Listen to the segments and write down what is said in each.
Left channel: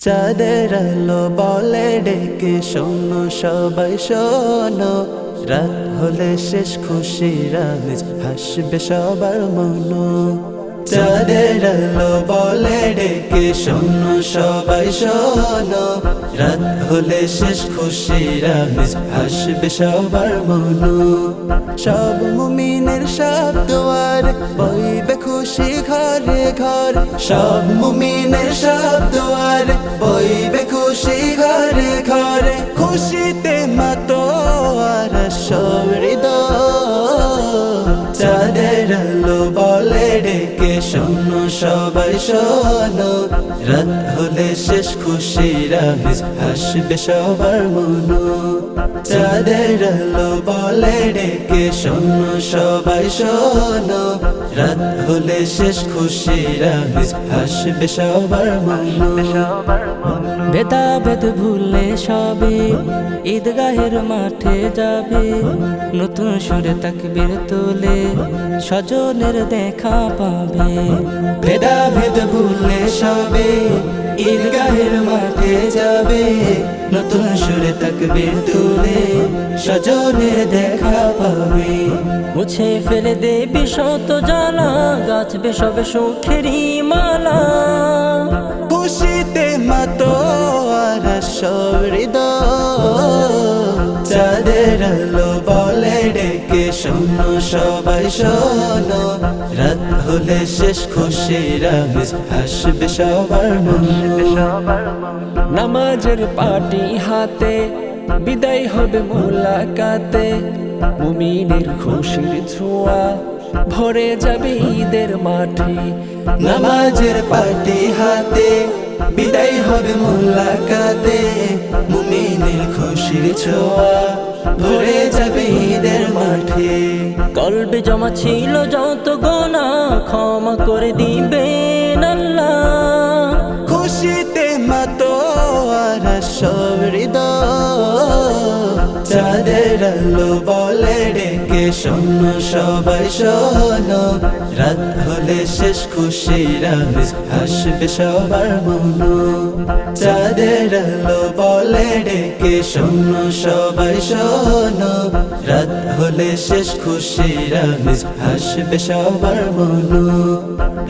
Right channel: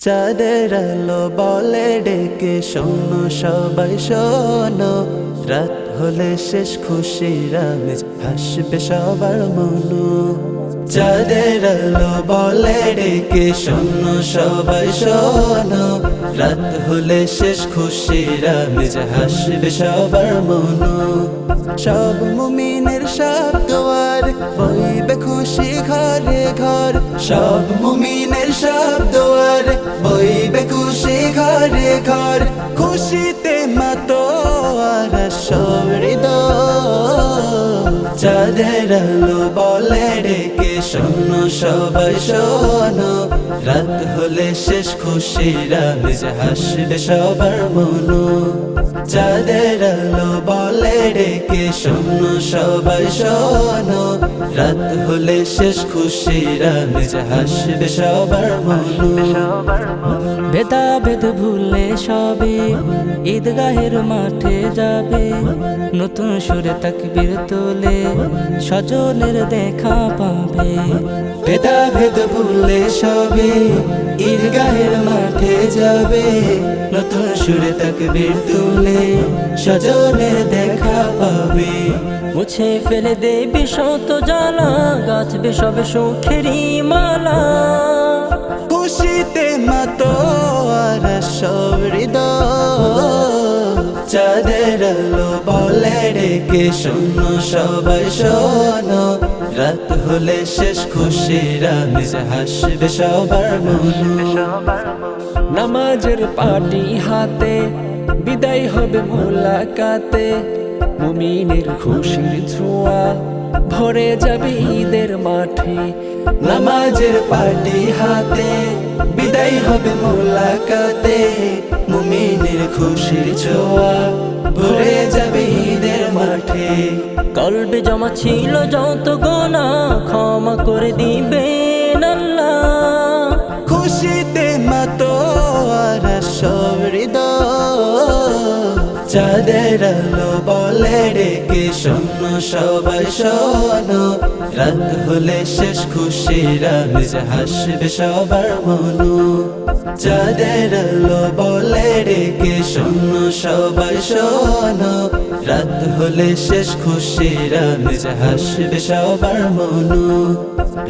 চাঁদের আলো বলে ডেকে শোনো সবাই, শোনো। রাত হলে শেষ খুশি রামেজ হাসবে সবার মনো। চাঁদের আলো বলে ডেকে শোনো সবাই, শোনো। রাত হলে শেষ খুশি রামেজ হাসবে সবার মনো। সব মুমিনের সব দোয়ার, বইবে খুশি ঘরে ঘর। সব মুমিনের সব দোয়ার, বইবে খুশি ঘরে ঘর। খুশিতে মাতো আর সব হৃদয়। চাঁদের আলো বলে ডেকে শোনো সবাই শোনো। রাত হলে শেষ খুশি রামেজ হাসবে সবার মনো। চাঁদের আলো বলে ডেকে শোনো সবাই, শোনো। রাত হলে শেষ খুশি রামেজ হাসবে সবার মনো। ভেদা ভেদ ভুলে সবে, ঈদগাহের মাঠে যাবে, নতুন সুরে তাকবীর তোলে, স্বজনের দেখা পাবে। ভেদা ভেদ ভুলে সবে, ঈদগাহের মাঠে যাবে, নতুন সুরে তাকবীর তুলে, স্বজনের দেখা পাবে। মুছে ফেলে দেবী শত জ্বালা, গাছবে সবে সুখেরই মালা। খুশিতে মাতো আর সব চাঁদের আলো বলে ডেকে শোনো সবাই, শোনো। রাত হলে শেষ খুশি রামিজ হাসবে সবার নামাজের পাটি হাতে, বিদায় হবে মোলাকাতে। মুমিনের খুশির ছোঁয়া ভরে যাবে ঈদের মাঠে। নামাজের পাটি হাতে, বিদায় হবে মোলাকাতে। মুমিনের খুশির ছোঁয়া ভরে যাবে ঈদের মাঠে। কলবে জমা ছিল যত গোনা, ক্ষমা করে আল্লাহ খুশিতে মাতো আর সব চাঁদের আলো বলে ডেকে শোনো সবাই শোনো। রাত হলে শেষ খুশি রামিজ হাসবে সবার মনো। চাঁদের আলো বলে ডেকে শোনো সবাই শোনো। রাত হলে শেষ খুশি রামিজ হাসবে সবার মনো।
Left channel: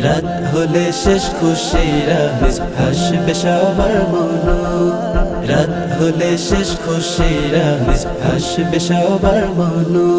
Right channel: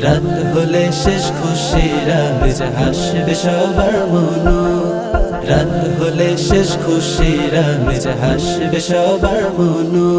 রাত হলে শেষ খুশি রামিজ হাসবে সবার মনো। রাত হলে শেষ খুশি রামিজ হাসবে সবার মনো।